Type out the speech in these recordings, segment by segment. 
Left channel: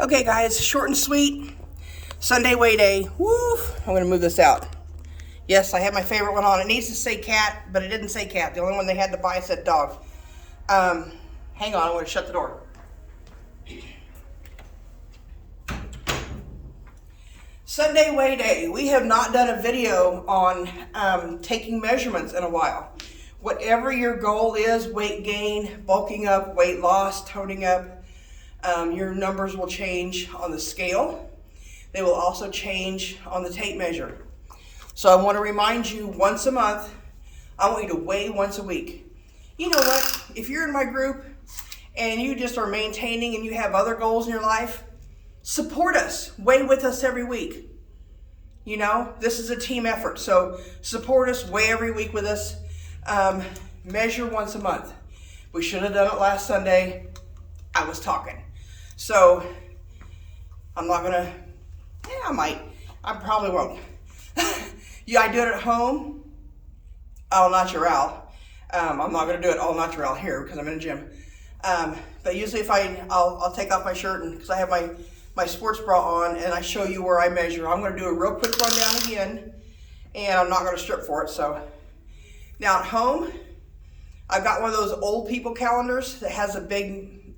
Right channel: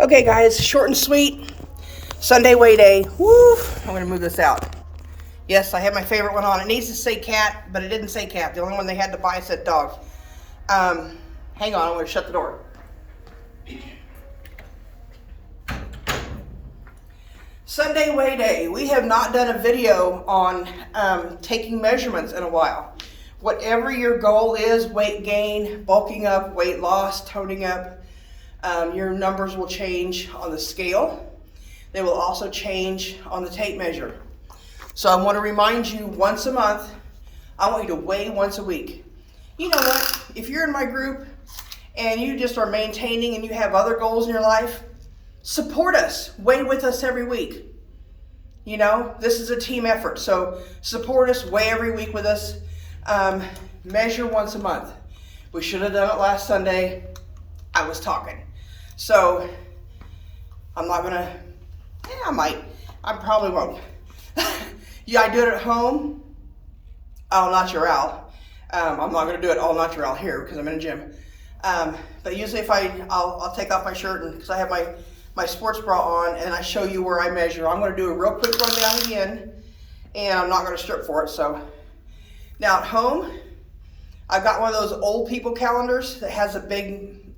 Okay, guys, short and sweet. Sunday weigh day. Woo! I'm going to move this out. Yes, I have my favorite one on. It needs to say cat, but it didn't say cat. The only one they had to buy said dog. Hang on, I'm going to shut the door. Sunday weigh day. We have not done a video on taking measurements in a while. Whatever your goal is, weight gain, bulking up, weight loss, toning up, your numbers will change on the scale. They will also change on the tape measure. So I want to remind you once a month, I want you to weigh once a week. You know what? If you're in my group and you just are maintaining and you have other goals in your life, support us. Weigh with us every week. You know, this is a team effort. So support us, weigh every week with us. Measure once a month. We should have done it last Sunday. I was talking. So I'm not gonna, I might. I probably won't. Yeah, I do it at home, au natural. I'm not gonna do it au natural here because I'm in a gym. But usually if I'll take off my shirt and because I have my sports bra on and I show you where I measure. I'm gonna do a real quick rundown again and I'm not gonna strip for it. So now at home, I've got one of those old people calendars that has a big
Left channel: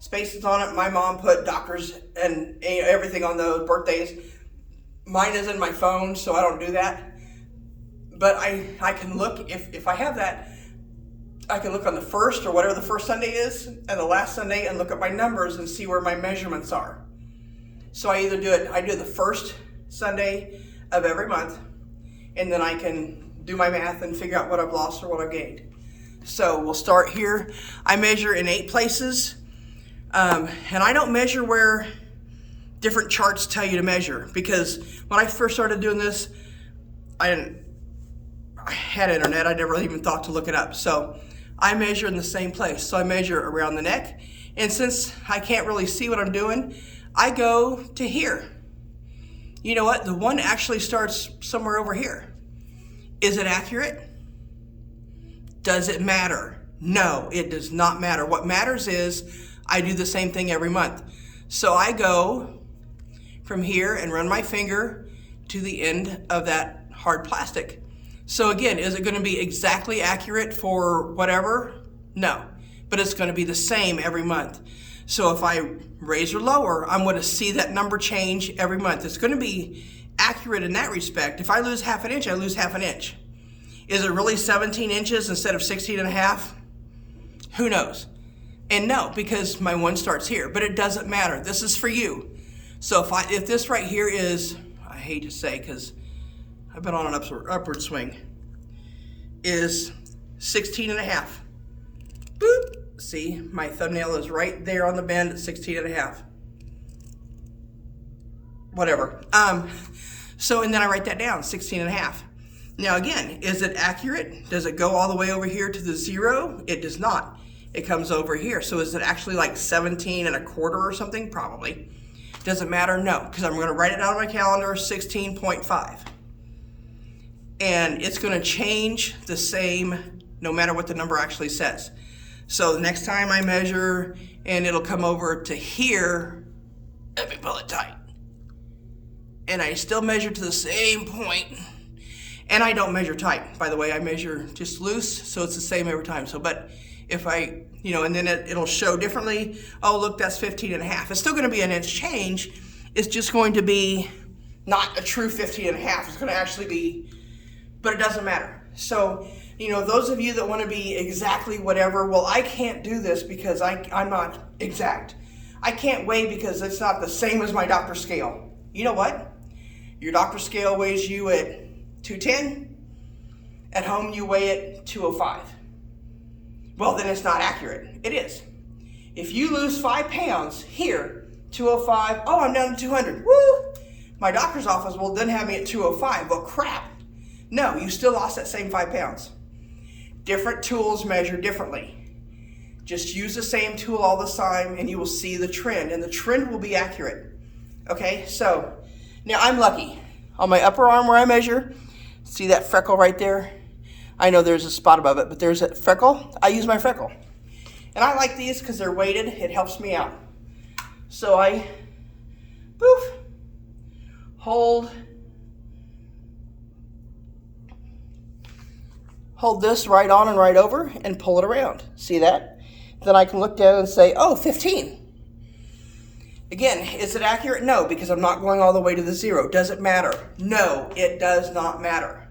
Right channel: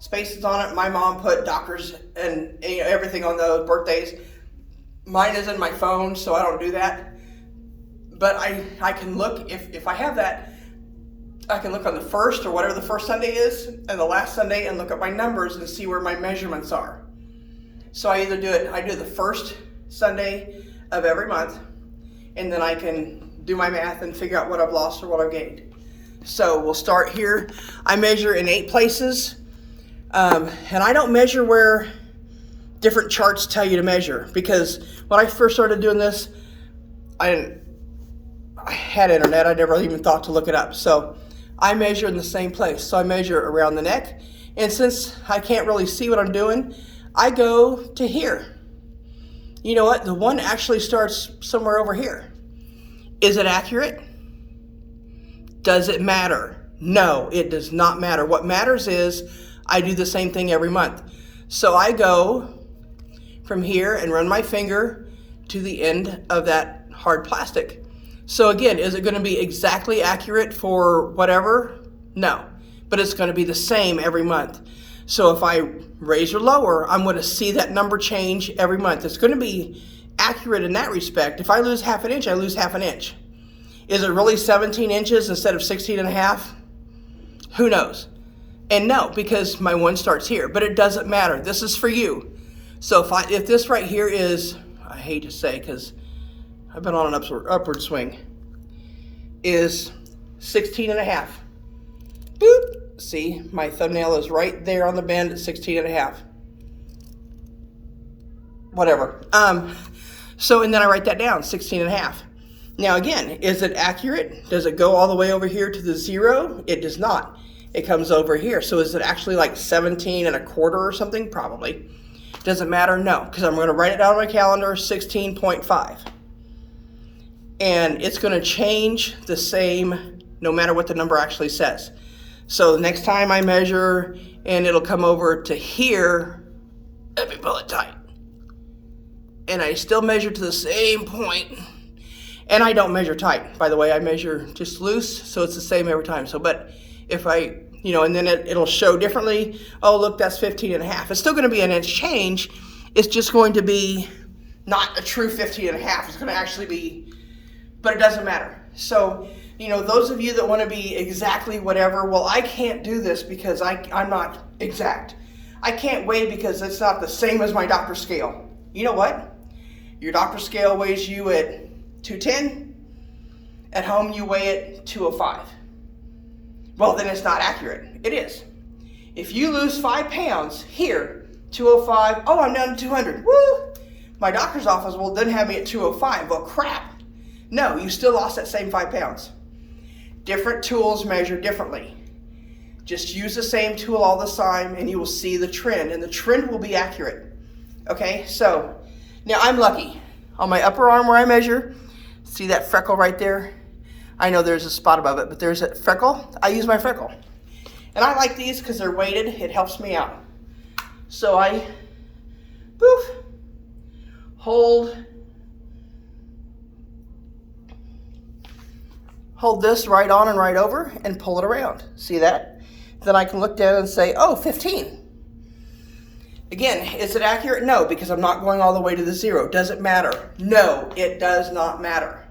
spaces on it. My mom put doctors and everything on those birthdays. Mine is in my phone, so I don't do that. But I can look, if I have that, I can look on the first or whatever the first Sunday is and the last Sunday and look at my numbers and see where my measurements are. So I do it the first Sunday of every month, and then I can do my math and figure out what I've lost or what I've gained. So we'll start here. I measure in 8 places, and I don't measure where different charts tell you to measure, because when I first started doing this, I had internet. I never even thought to look it up. So I measure in the same place. So I measure around the neck, and since I can't really see what I'm doing, I go to here. You know what? The one actually starts somewhere over here. Is it accurate? Does it matter? No, it does not matter. What matters is I do the same thing every month. So I go from here and run my finger to the end of that hard plastic. So again, is it going to be exactly accurate for whatever? No, but it's going to be the same every month. So if I raise or lower, I'm going to see that number change every month. It's going to be accurate in that respect. If I lose half an inch, I lose half an inch. Is it really 17 inches instead of 16 and a half? Who knows? And no, because my one starts here, but it doesn't matter. This is for you. So if this right here is, I hate to say because I've been on an upward swing, is 16 and a half. Boop. See, my thumbnail is right there on the bend at 16 and a half. Whatever. So, and then I write that down, 16 and a half. Now again, is it accurate? Does it go all the way over here to the 0? It does not. It comes over here. So is it actually like 17 and a quarter or something? Probably. Does it matter? No, because I'm going to write it down on my calendar, 16.5. And it's going to change the same no matter what the number actually says. So the next time I measure and it'll come over to here, let me pull it tight. And I still measure to the same point. And I don't measure tight, by the way. I measure just loose, so it's the same every time. So, but if I, and then it'll show differently. Oh, look, that's 15 and a half. It's still going to be an inch change. It's just going to be not a true 15 and a half. It's going to actually be, but it doesn't matter. So, those of you that want to be exactly whatever, well, I can't do this because I'm not exact. I can't weigh because it's not the same as my doctor's scale. You know what? Your doctor's scale weighs you at 210. At home, you weigh it 205. Well, then it's not accurate. It is. If you lose 5 pounds here, 205, oh, I'm down to 200. Woo! My doctor's office will then have me at 205. Well, crap. No, you still lost that same 5 pounds. Different tools measure differently. Just use the same tool all the time and you will see the trend, and the trend will be accurate. Okay, so now I'm lucky. On my upper arm where I measure, see that freckle right there? I know there's a spot above it, but there's a freckle. I use my freckle. And I like these because they're weighted. It helps me out. So I, poof, hold this right on and right over and pull it around. See that? Then I can look down and say, oh, 15. Again, is it accurate? No, because I'm not going all the way to the 0. Does it matter? No, it does not matter.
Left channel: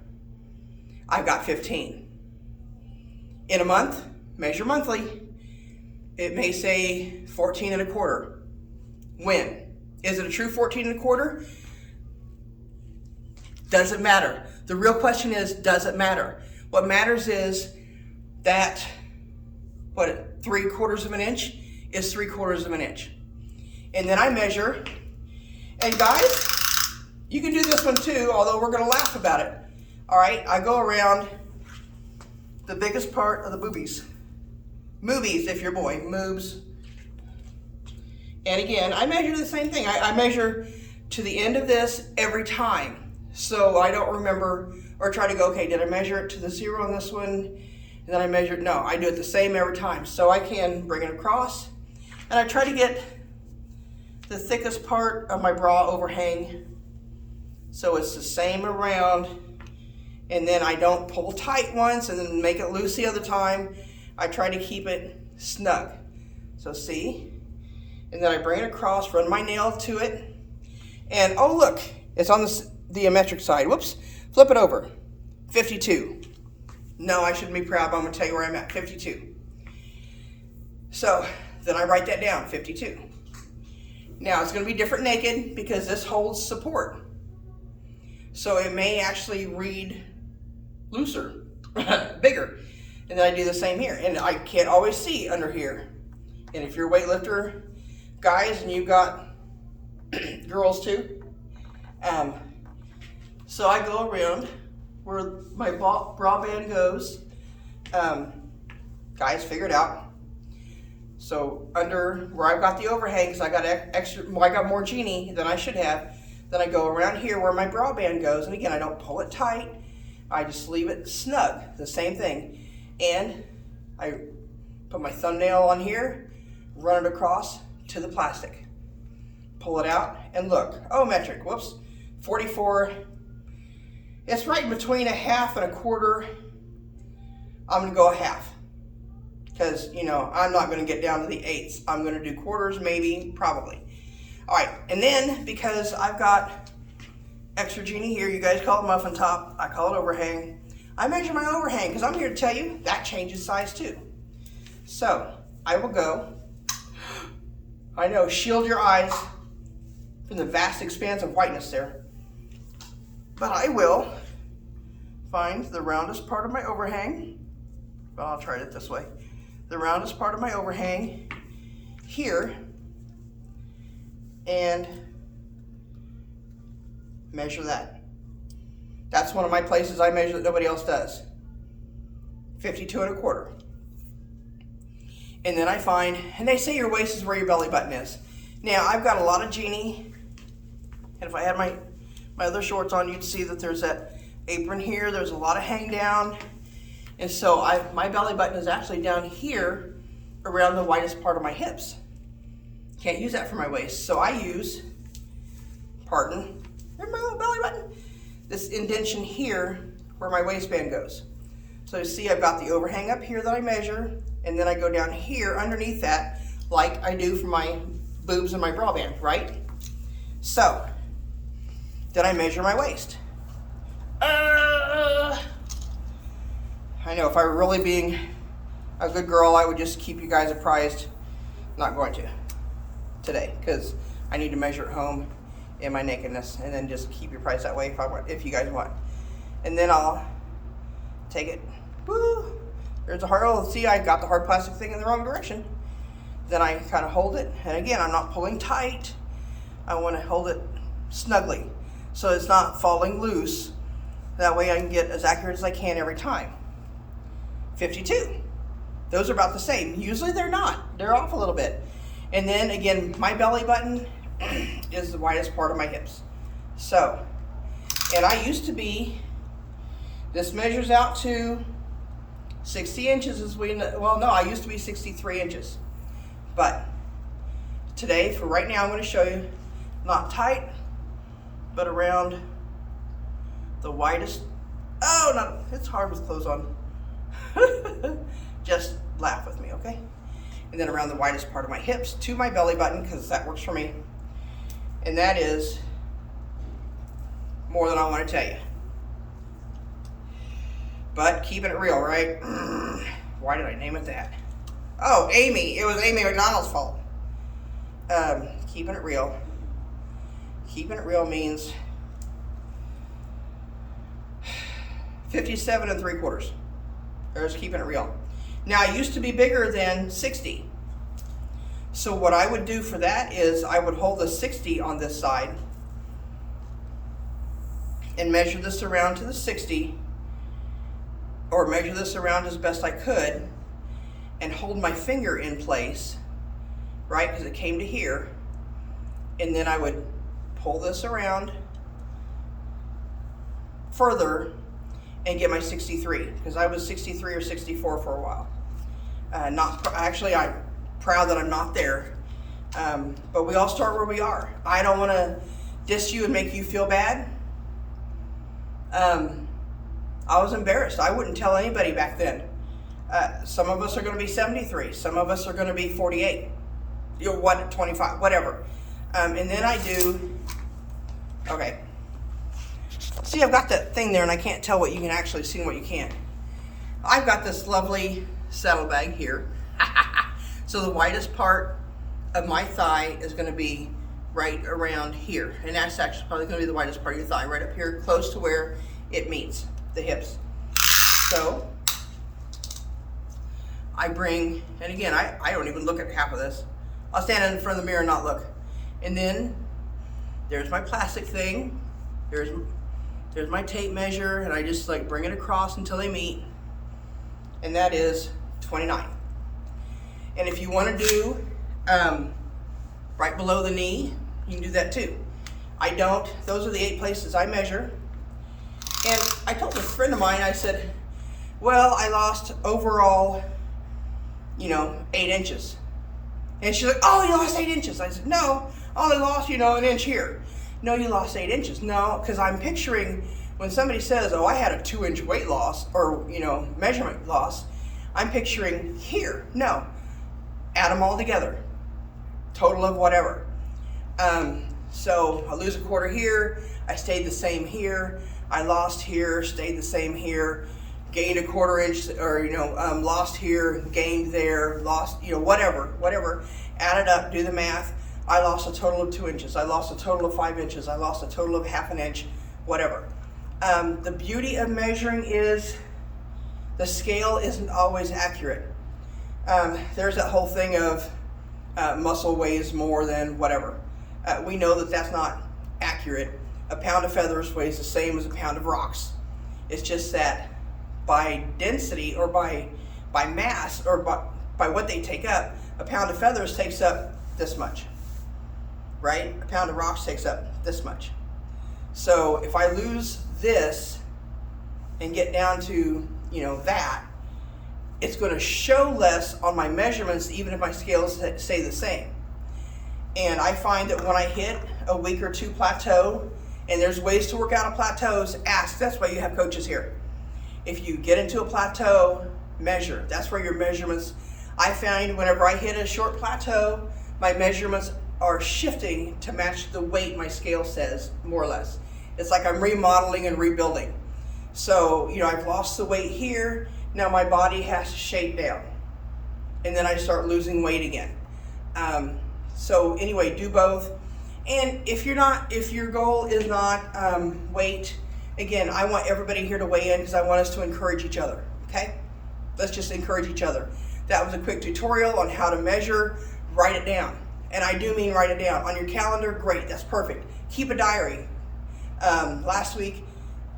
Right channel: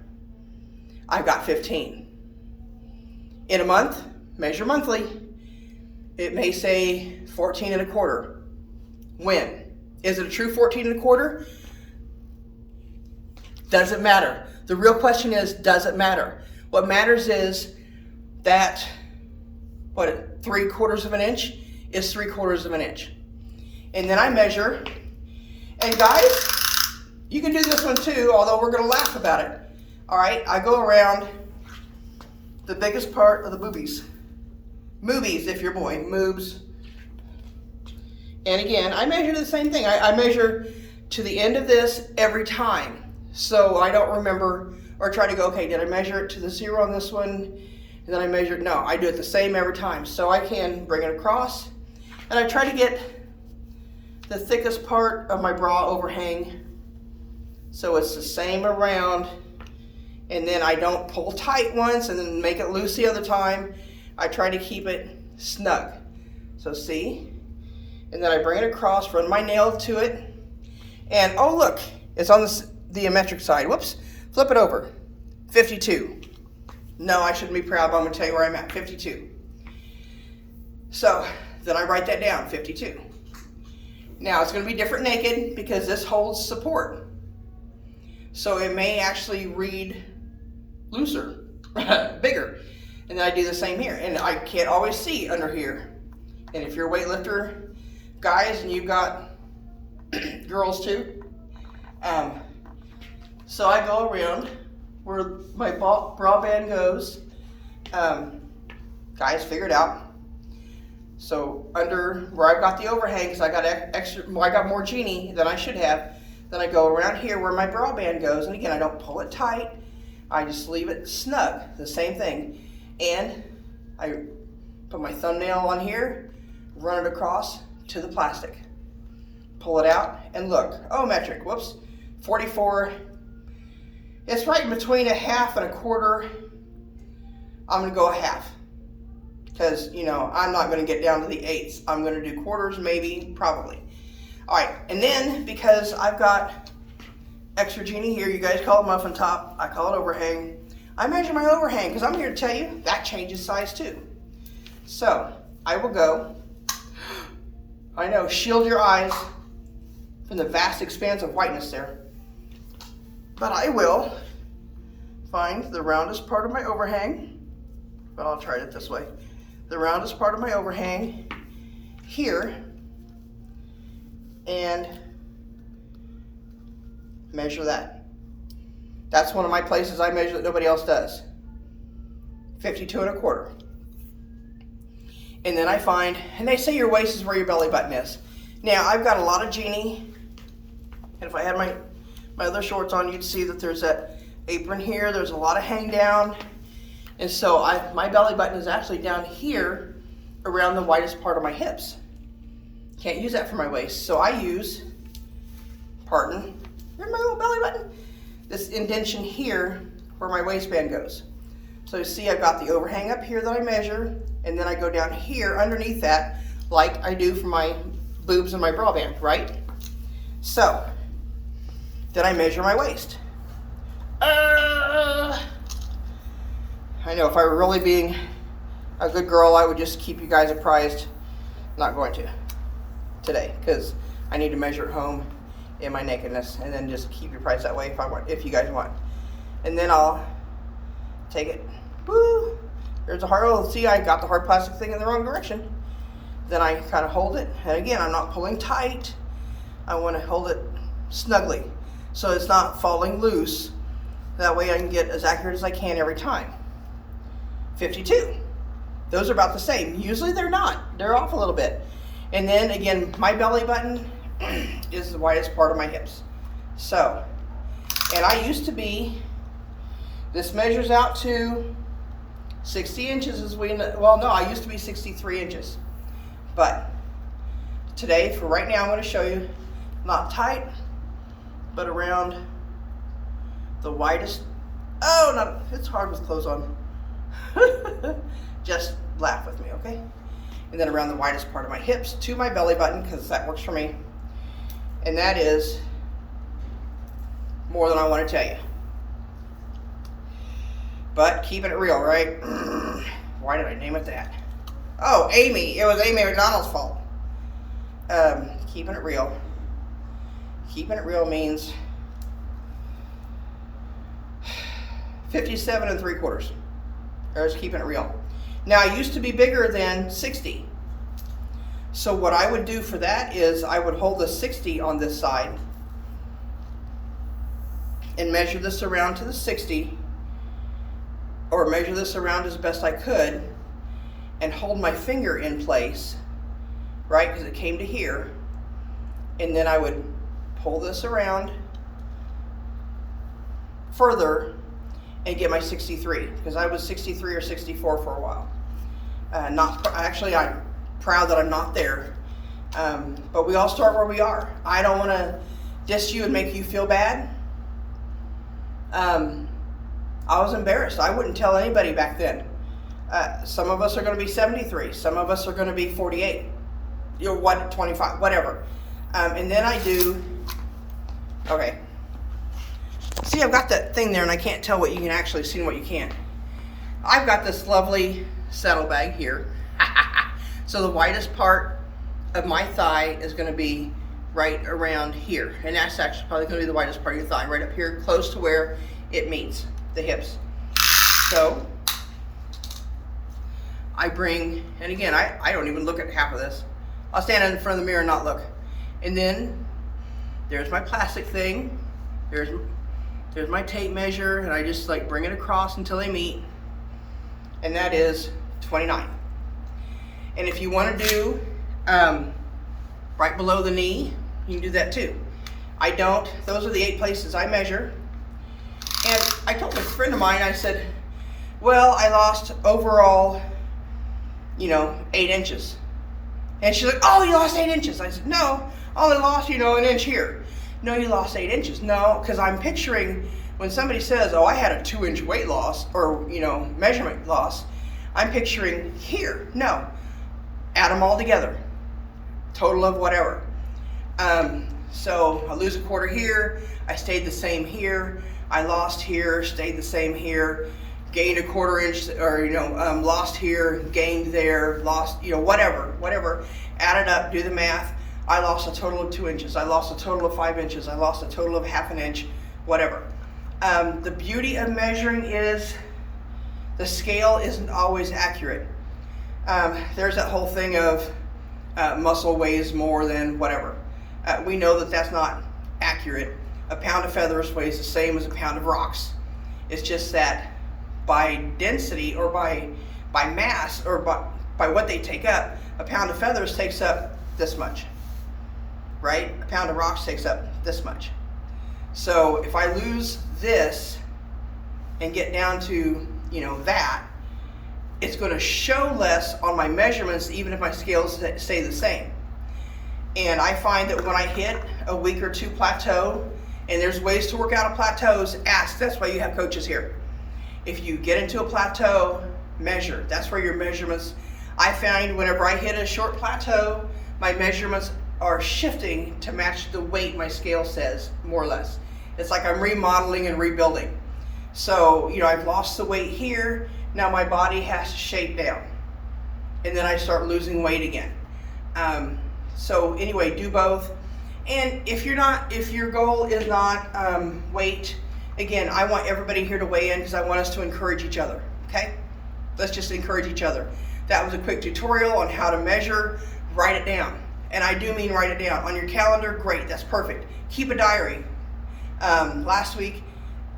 I've got 15. In a month, measure monthly. It may say 14 1/4. When? Is it a true 14 1/4? Doesn't matter. The real question is, does it matter? What matters is that, 3/4 of an inch is 3/4 of an inch. And then I measure, and guys, you can do this one too, although we're gonna laugh about it. All right, I go around the biggest part of the boobies. Moobies, if you're a boy, moobs. And again, I measure the same thing. I measure to the end of this every time. So I don't remember or try to go, okay, did I measure it to the 0 on this one? And then I measure it. No, I do it the same every time. So I can bring it across. And I try to get the thickest part of my bra overhang so it's the same around. And then I don't pull tight once and then make it loose the other time. I try to keep it snug. So see? And then I bring it across, run my nail to it. And oh look, it's on the metric side. Whoops, flip it over. 52. No, I shouldn't be proud, but I'm gonna tell you where I'm at, 52. So then I write that down, 52. Now it's gonna be different naked because this holds support. So it may actually read looser, bigger. And then I do the same here. And I can't always see under here. And if you're a weightlifter, guys, and you've got girls too, so I go around where my bra band goes. Guys, figure it out. So under where I've got the overhang, because I got I got more genie than I should have. Then I go around here where my bra band goes, and again, I don't pull it tight. I just leave it snug, the same thing. And I put my thumbnail on here, run it across to the plastic. Pull it out, and look, oh, metric, whoops, 44. It's right in between 1/2 and 1/4. I'm gonna go 1/2. Because, you know, I'm not gonna get down to the 8ths. I'm gonna do quarters, maybe, probably. All right, and then because I've got extra genie here, you guys call it muffin top, I call it overhang. I measure my overhang because I'm here to tell you that changes size too. So I will go, I know, shield your eyes from the vast expanse of whiteness there, but I will find the roundest part of my overhang, but I'll try it this way. The roundest part of my overhang here, and measure that. That's one of my places I measure that nobody else does. 52 1/4. And then I find, and they say your waist is where your belly button is. Now I've got a lot of genie, and if I had my other shorts on, you'd see that there's that apron here. There's a lot of hang down. And so my belly button is actually down here around the widest part of my hips. Can't use that for my waist. So I use, pardon, where's my little belly button? This indentation here where my waistband goes. So you see I've got the overhang up here that I measure, and then I go down here underneath that like I do for my boobs and my bra band, right? So then I measure my waist. I know if I were really being a good girl, I would just keep you guys apprised. Not going to today because I need to measure at home in my nakedness, and then just keep your price that way if you guys want. And then I'll take it. Woo! There's a hard. See, I got the hard plastic thing in the wrong direction. Then I kind of hold it, and again, I'm not pulling tight. I want to hold it snugly so it's not falling loose. That way I can get as accurate as I can every time. 52. Those are about the same. Usually they're not. They're off a little bit. And then again, my belly button is the widest part of my hips. So, and I used to be, this measures out to 60 inches as well no, I used to be 63 inches. But today, for right now, I'm going to show you not tight, but around the widest. Oh, no, it's hard with clothes on. Just laugh with me, okay? And then around the widest part of my hips to my belly button, because that works for me. And that is more than I want to tell you. But keeping it real, right? Why did I name it that? Oh, Amy. It was Amy McDonald's fault. Keeping it real. Keeping it real means 57 3/4. There's keeping it real. Now, I used to be bigger than 60. So what I would do for that is I would hold the 60 on this side and measure this around to the 60, or measure this around as best I could, and hold my finger in place, right, because it came to here, and then I would pull this around further and get my 63, because I was 63 or 64 for a while. Actually, I'm proud that I'm not there, but we all start where we are. I don't want to diss you and make you feel bad. I was embarrassed. I wouldn't tell anybody back then. Some of us are going to be 73. Some of us are going to be 48. 25, whatever. And then I do, okay. See, I've got that thing there and I can't tell what you can actually see and what you can't. I've got this lovely saddlebag here. So the widest part of my thigh is going to be right around here. And that's actually probably going to be the widest part of your thigh, right up here, close to where it meets the hips. So I bring, and again, I don't even look at half of this. I'll stand in front of the mirror and not look. And then there's my plastic thing. There's my tape measure, and I just like bring it across until they meet. And that is 29. And if you want to do right below the knee, you can do that too. I don't. Those are the 8 places I measure. And I told a friend of mine, I said, well, I lost overall, 8 inches. And she's like, oh, you lost 8 inches. I said, no, I only lost, an inch here. No, you lost 8 inches. No, because I'm picturing when somebody says, oh, I had a 2-inch weight loss or, measurement loss, I'm picturing here. No, add them all together. Total of whatever. So I lose a quarter here. I stayed the same here. I lost here, stayed the same here. Gained a quarter inch, or lost here, gained there, lost, whatever. Add it up, do the math. I lost a total of 2 inches. I lost a total of 5 inches. I lost a total of half an inch, whatever. The beauty of measuring is the scale isn't always accurate. There's that whole thing of muscle weighs more than whatever. We know that that's not accurate. A pound of feathers weighs the same as a pound of rocks. It's just that by density or by mass or by what they take up, a pound of feathers takes up this much, right? A pound of rocks takes up this much. So if I lose this and get down to, that, it's going to show less on my measurements even if my scales stay the same. And I find that when I hit a week or two plateau, and there's ways to work out of plateaus, ask. That's why you have coaches here. If you get into a plateau, measure. That's where your measurements, I find whenever I hit a short plateau, my measurements are shifting to match the weight my scale says, more or less. It's like I'm remodeling and rebuilding. So, I've lost the weight here. Now my body has to shape down. And then I start losing weight again. So anyway, do both. And if your goal is not weight, again, I want everybody here to weigh in because I want us to encourage each other, okay? Let's just encourage each other. That was a quick tutorial on how to measure. Write it down. And I do mean write it down. On your calendar, great, that's perfect. Keep a diary. Last week,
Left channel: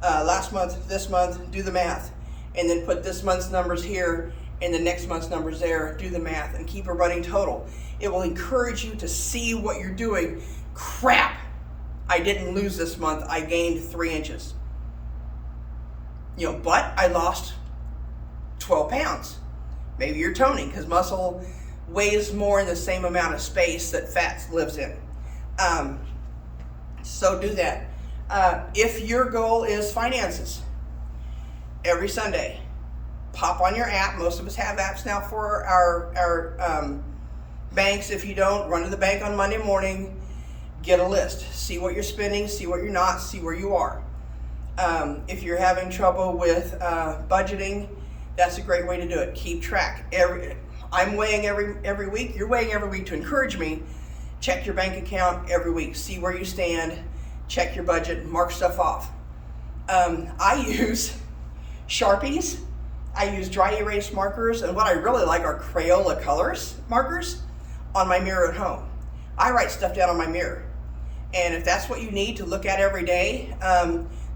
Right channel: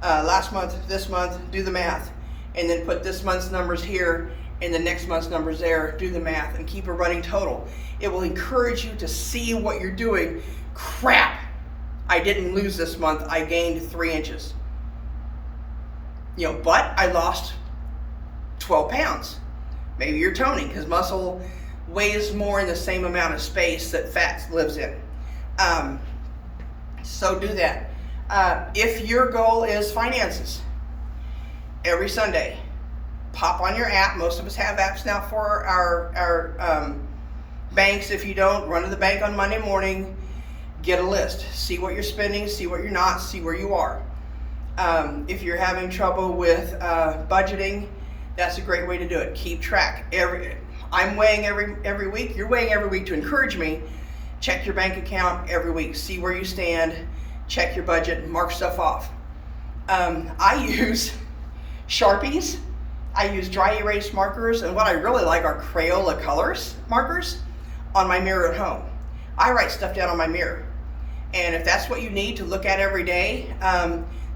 last month, this month, do the math. And then put this month's numbers here and the next month's numbers there, do the math, and keep a running total. It will encourage you to see what you're doing. Crap, I didn't lose this month, I gained 3 inches. But I lost 12 pounds. Maybe you're toning, because muscle weighs more in the same amount of space that fat lives in. So do that. If your goal is finances, every Sunday, pop on your app. Most of us have apps now for our banks. If you don't, run to the bank on Monday morning, get a list. See what you're spending, see what you're not, see where you are. If you're having trouble with budgeting, that's a great way to do it. Keep track. I'm weighing every week. You're weighing every week to encourage me. Check your bank account every week. See where you stand. Check your budget. Mark stuff off. I use Sharpies. I use dry erase markers. And what I really like are Crayola colors markers on my mirror at home. I write stuff down on my mirror. And if that's what you need to look at every day,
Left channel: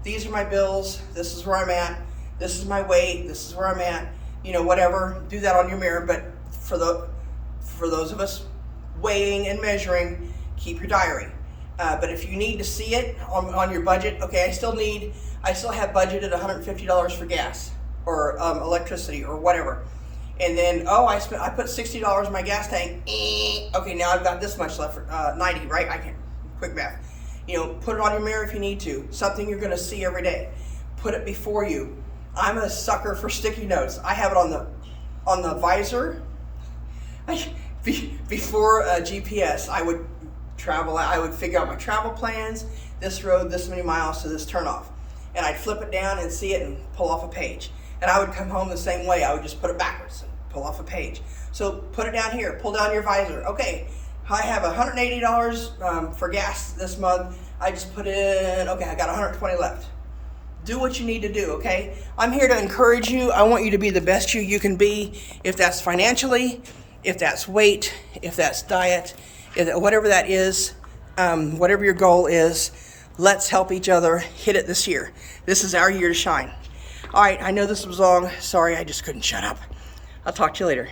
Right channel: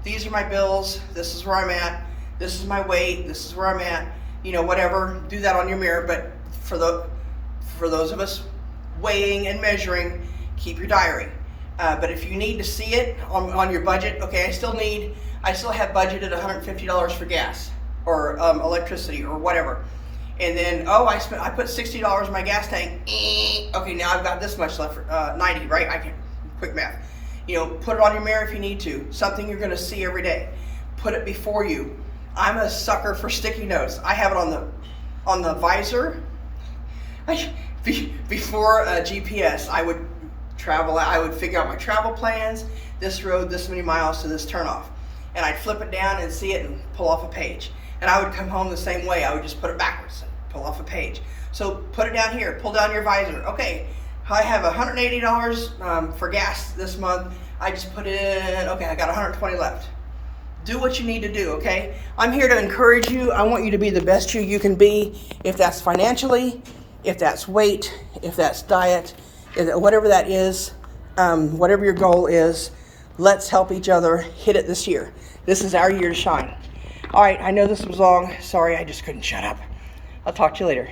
these are my bills. This is where I'm at. This is my weight. This is where I'm at. Whatever. Do that on your mirror. But for those of us weighing and measuring, keep your diary. But if you need to see it on your budget, okay, I still have budgeted $150 for gas or electricity or whatever. And then, I put $60 in my gas tank. Okay, now I've got this much left for 90, right? I can quick math. Put it on your mirror if you need to. Something you're going to see every day. Put it before you. I'm a sucker for sticky notes. I have it on the visor. Before GPS, I would travel. I would figure out my travel plans. This road, this many miles to this turnoff, and I'd flip it down and see it and pull off a page. And I would come home the same way. I would just put it backwards and pull off a page. So put it down here. Pull down your visor. Okay, I have $180 for gas this month. I just put in. Okay, I got 120 left. Do what you need to do, okay? I'm here to encourage you. I want you to be the best you can be. If that's financially, if that's weight, if that's diet, whatever that is, whatever your goal is, let's help each other hit it this year. This is our year to shine. All right, I know this was long. Sorry, I just couldn't shut up. I'll talk to you later.